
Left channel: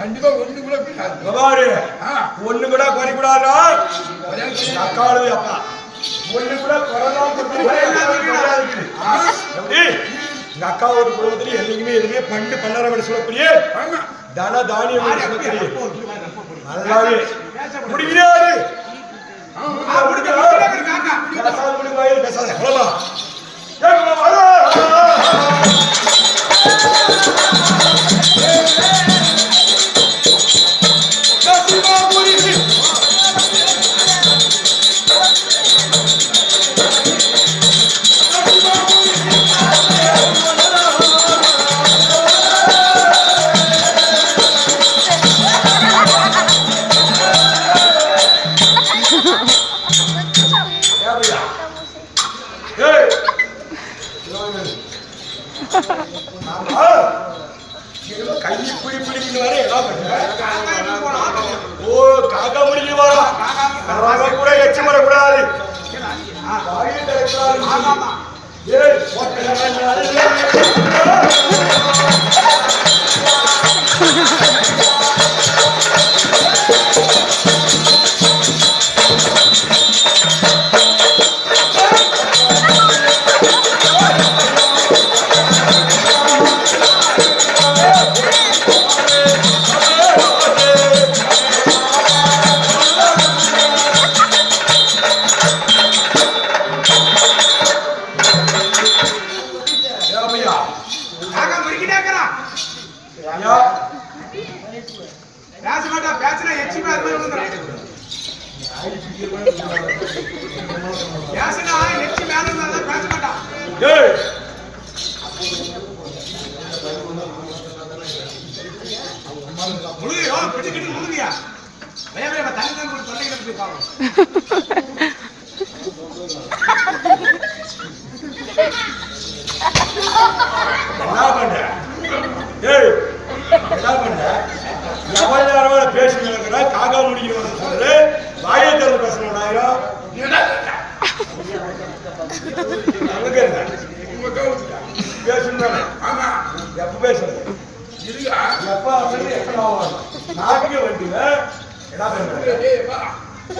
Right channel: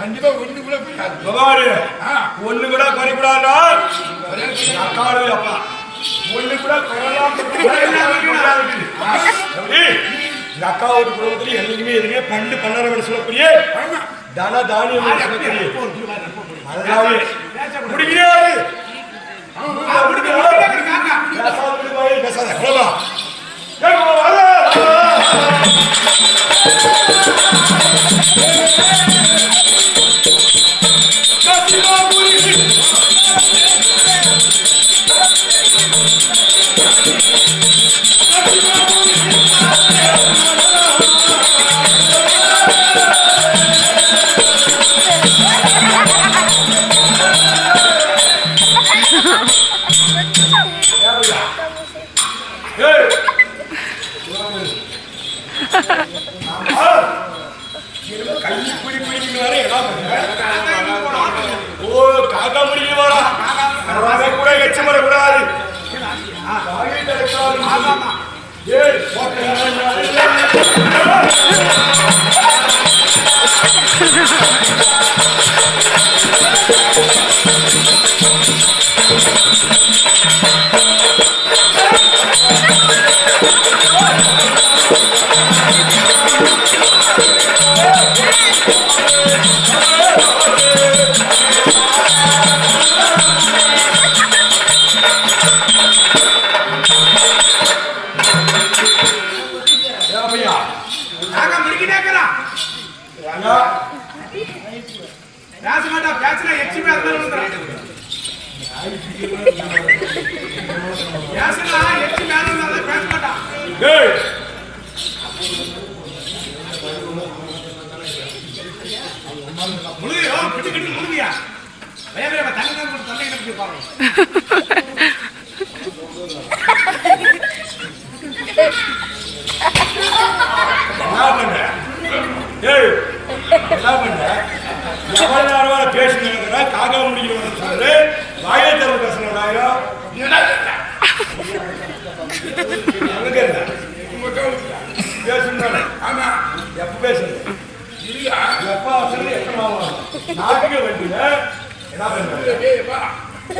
கண்டிப்பா ஒண்ணு கூட குறைக்கூடாது. அக்காடு அப்பா ஒண்ணு கூட குறையலாம். அக்காவோட குடும்பத்துல என்னைக்குமே எதுவுமே பண்டு பண்ணார சொல்லக்கூடிய தன தானியம் அதனாலே முடிக்கிறாரு. கைப்பிடி பிடிக்கிட்டு வர ஓ காக்கா முடிக்க வர கூட எச்சு வரக்கூடாது. பேச மாட்டா பேசினா எச்சி மேல பேசினா எச்சி மேல பேச மாட்டா முழுகையோ கிட்டு கிட்டு முழுகியா வேற தண்ணி தான் தொண்டை கிட்ட பாருங்க என்ன பண்ற ஏய் என்ன பண்ற எவ்வளவு நேரம் பேசுறா காக்கா முடிக்கிறவன் சொல்ற வாயை திறந்து பேசணும் ஆயிரம் பேசுறானே ஆமா எப்ப பேசுறது எப்ப அவசரம் எத்தனை நாட்டுக்கு வண்டியில என்ன பண்ற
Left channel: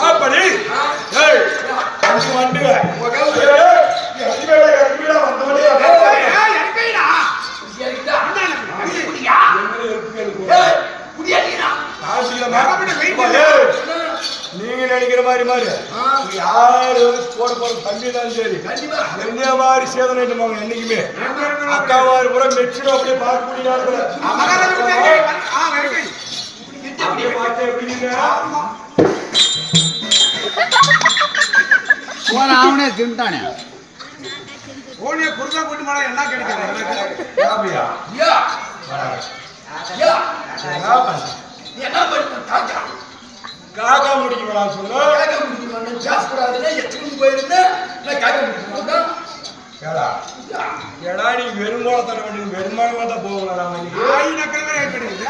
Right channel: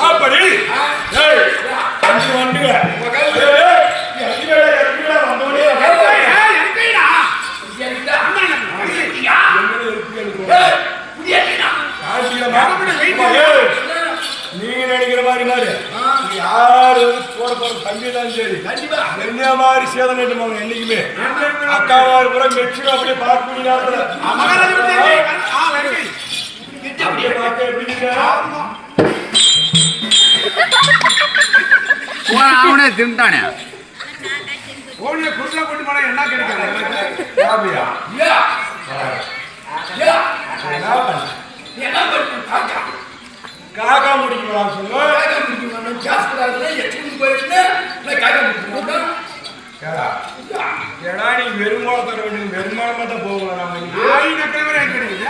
அப்படி அஞ்சு வண்டிங்க நீங்க நினைக்கிற மாதிரி மாதிரி யாரு போட போற தம்பி தான் சரி என்ன மாதிரி சேதனை என்னைக்குமே அக்காவாரு கூட மெச்சும் அப்படியே பார்க்க முடியாது திருந்தானே கோழியை குறுக்கா கொண்டு போனா என்ன கிடைக்காது காக்கா முடிக்கணும் சொன்னா ஏடா நீ வெறுமானம் தர வேண்டிய வெறுமானமா தான் போகலாம் நம்ம கிடைக்குது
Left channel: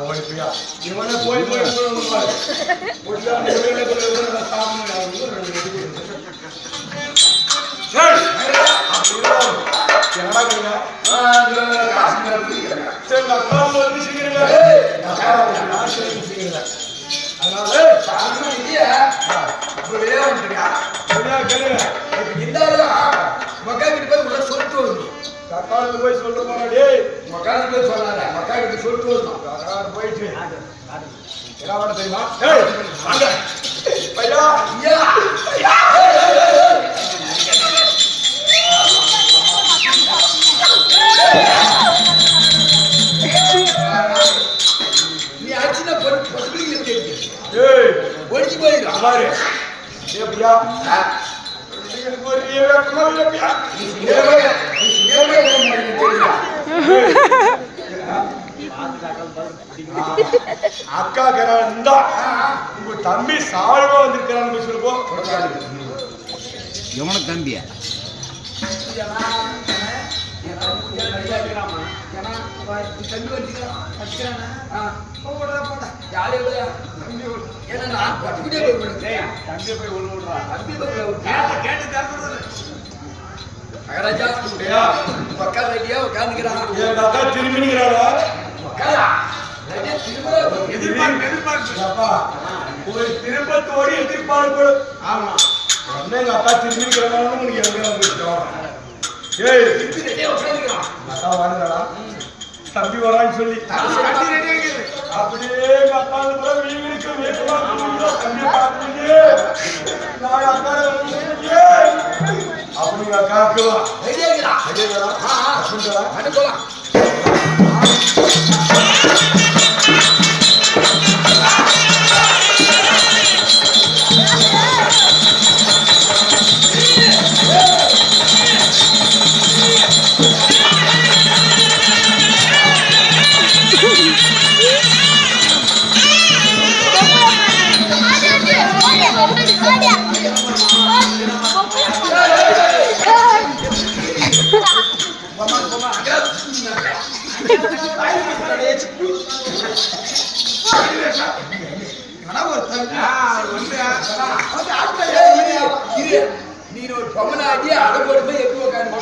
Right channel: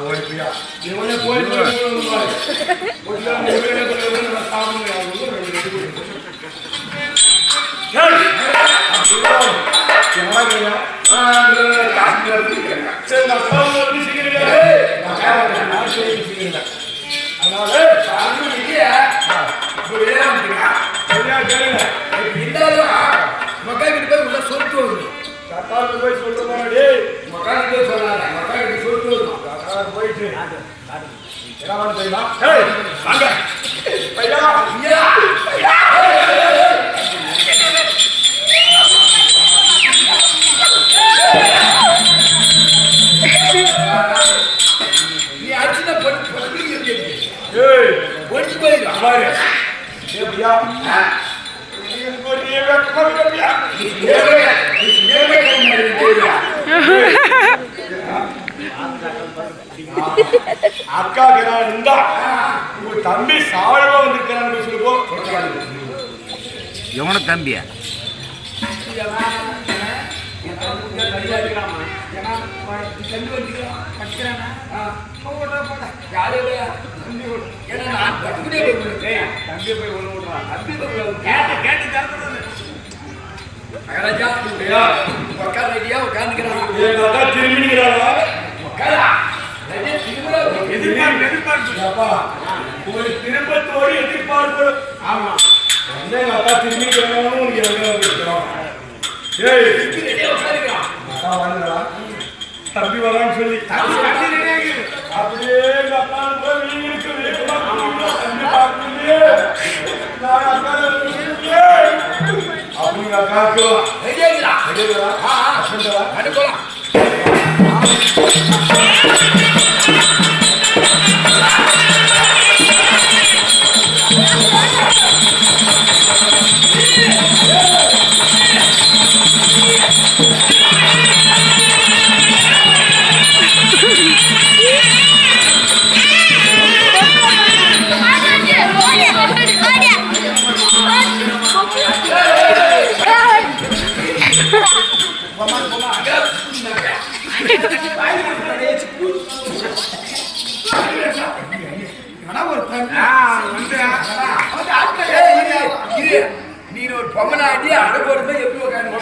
ஓடிப்பியா இவனே போய் போய் சொல்ற மாதிரி மக்கானுக்கு போய் சொல்லாத மக்கானுக்கு சொல்லிட்டு வரணும் போயிட்டு என்ன தெரியுமா வாங்க பையா நீ அடிச்சுனா பொட்டு ஏய் ஒடிச்சு போயிடும் பாரு ஏ பையா அக்கா இருந்தா உங்க தம்பி சாழ்வா வந்திருக்கான்னு சொல்லுவோம் எவன தம்பியா திருப்பத்தோடு எதிர்பார்ப்பு ஆமா எங்க அக்கா திரும்பிக்கிறாங்க தம்பி வரான்னு சொல்லி அப்படியே அப்படி அக்காக்கு நீர் ஒரு பொம்மனாடி அடை போடும்போது எப்படி உட்காந்து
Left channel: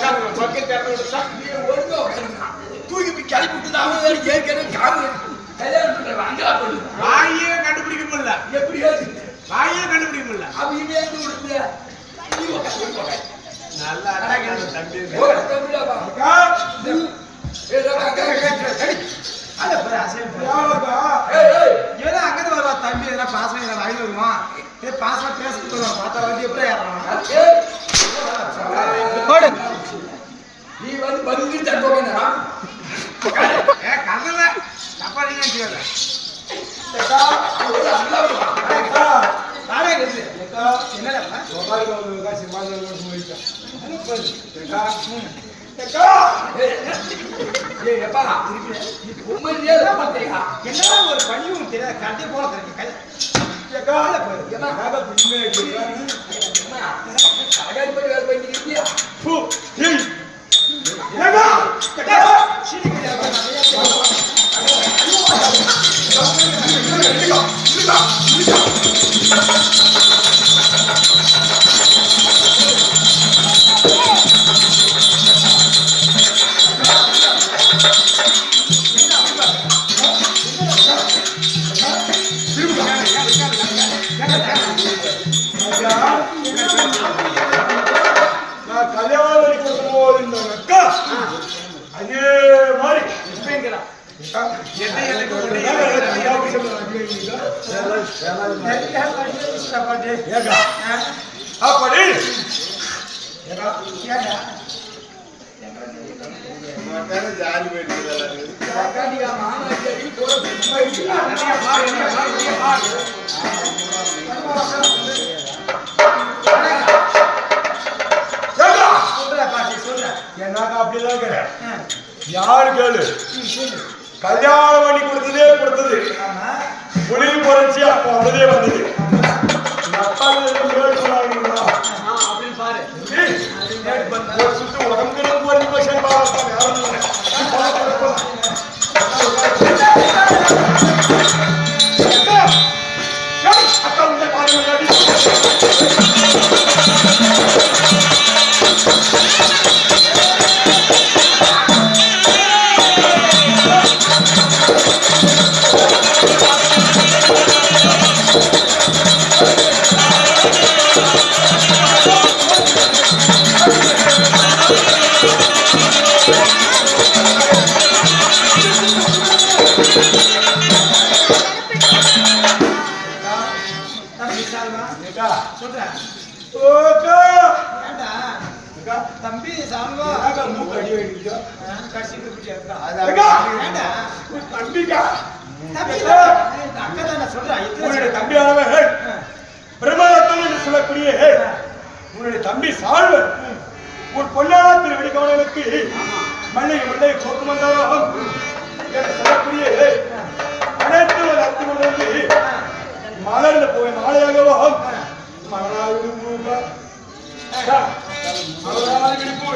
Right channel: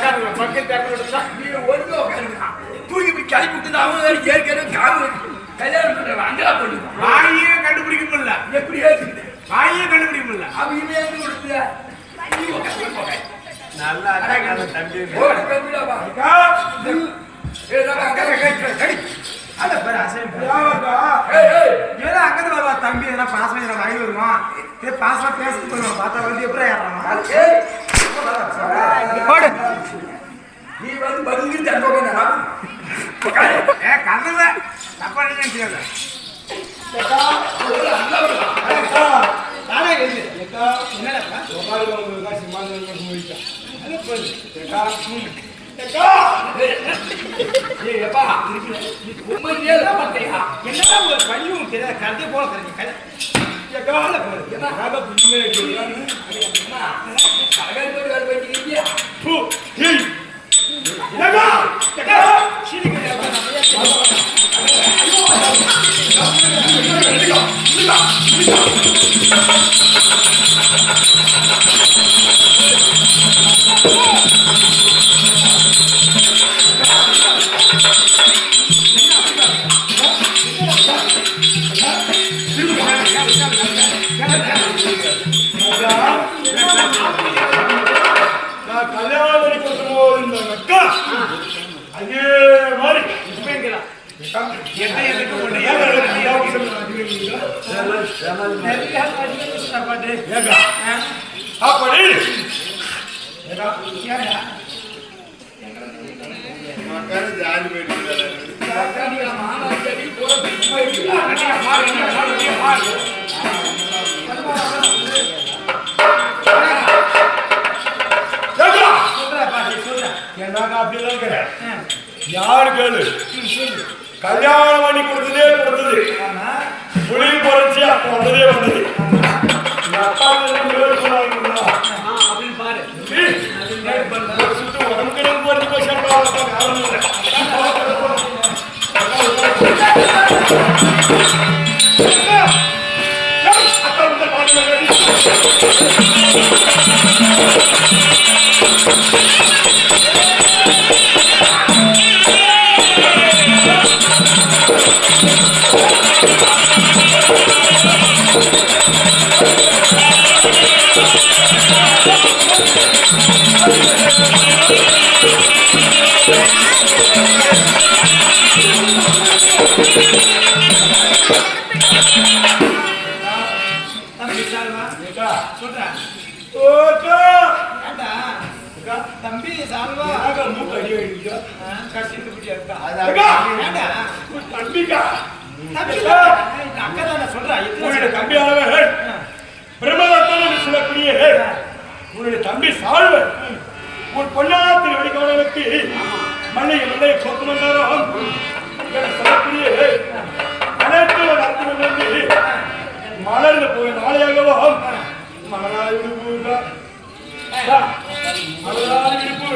தூக்கி இப்படி கிளப்பி அவங்க ஏற்கனவே காமு கல்யாணம் பண்ற அங்கா பண்ணுங்க. வாயே கண்டுபிடிக்க முடியல. எப்படி ஏத்துக்கிட்டு வாயே கண்டுபிடிக்க முடியல. அவங்க இவன் கொடுத்து நீ போக நல்லா தம்பி. போடா தம்பிடா அக்கா ஏடா கடி அத பாரு அசையும் பாரு. யாரக்கா ஏய் ஏதோ அங்கது வரவா தம்பி எதனா பாசம் எதனா வாங்கி வருமா? ஏ பாசமா பேசிட்டு போறோம். பார்த்தா வந்து எப்படி ஏறாமா? ஏய் போடு. நீ வந்து பதிலுக்கு தண்டோங்க நான் ஏ கதல தப்பா நினைச்சியாத. அக்கா ஒரு அல்லா அக்கா தாடா எழுது. அக்கா என்னடா? சோபாயில வந்து சிம்மாசனம் போயிட்டா அது போடு. அக்கா அக்கா ஏய் அப்பா நீ உண்மையிலேயே தான் மாட்டியா என்னடா ஒரு பணியும் தெரியாத கதை போல கதை. அக்கா அக்கா பின்னே கேக்குறானே கலகாரி போய் வேலை பண்ணிக்கிறியா பூ ஏய் அக்கா அக்கா சீனிக்கு நான் கல்யாணம் பண்ணி கொடுக்கும்போது இந்த அக்கா அதே மாதிரி இப்பங்கலாம் அக்கா என்ன எனக்கு ஒண்ணு ஏகா அப்படி காக்காடியா மானாடி போற சும்மா என்னக்கா அப்படிதான் இருக்கிறேன் யாரு கேளு கல்யாணம் பண்ணி கொடுத்தது புளி பொறிச்சு அப்போ வந்ததே வந்தது அப்படின்னு பாரு. சுட்டு உடம்புக்கு பொறிஞ்சு போய் யாரும் இல்லை அக்கா இந்த பாடல சொல்றேன். தம்பி சால்வா மூக்கு அடி வைக்க கட்டிட்டு இப்படி இருக்கா. அக்கா ஏண்டா? தம்பிக்கா தம்பி தானே. இந்த அக்கா தானே சொல்றா. உன்னுடைய தம்பியானவன் பிரம்மதத்தன் என்று சொல்லக்கூடிய உன்னுடைய தம்பி சால்வர் உன் பொன்னான திருவடி கவனத்துக்கு மல்லையை கோக்கு வந்தாரோ சொல்லக்கூடிய அனைத்து ஒரு அர்த்தம் வந்து மலர்ந்து போய் நாளையாகவும் மலரால் விடுப்பு மலரால் விடுப்பு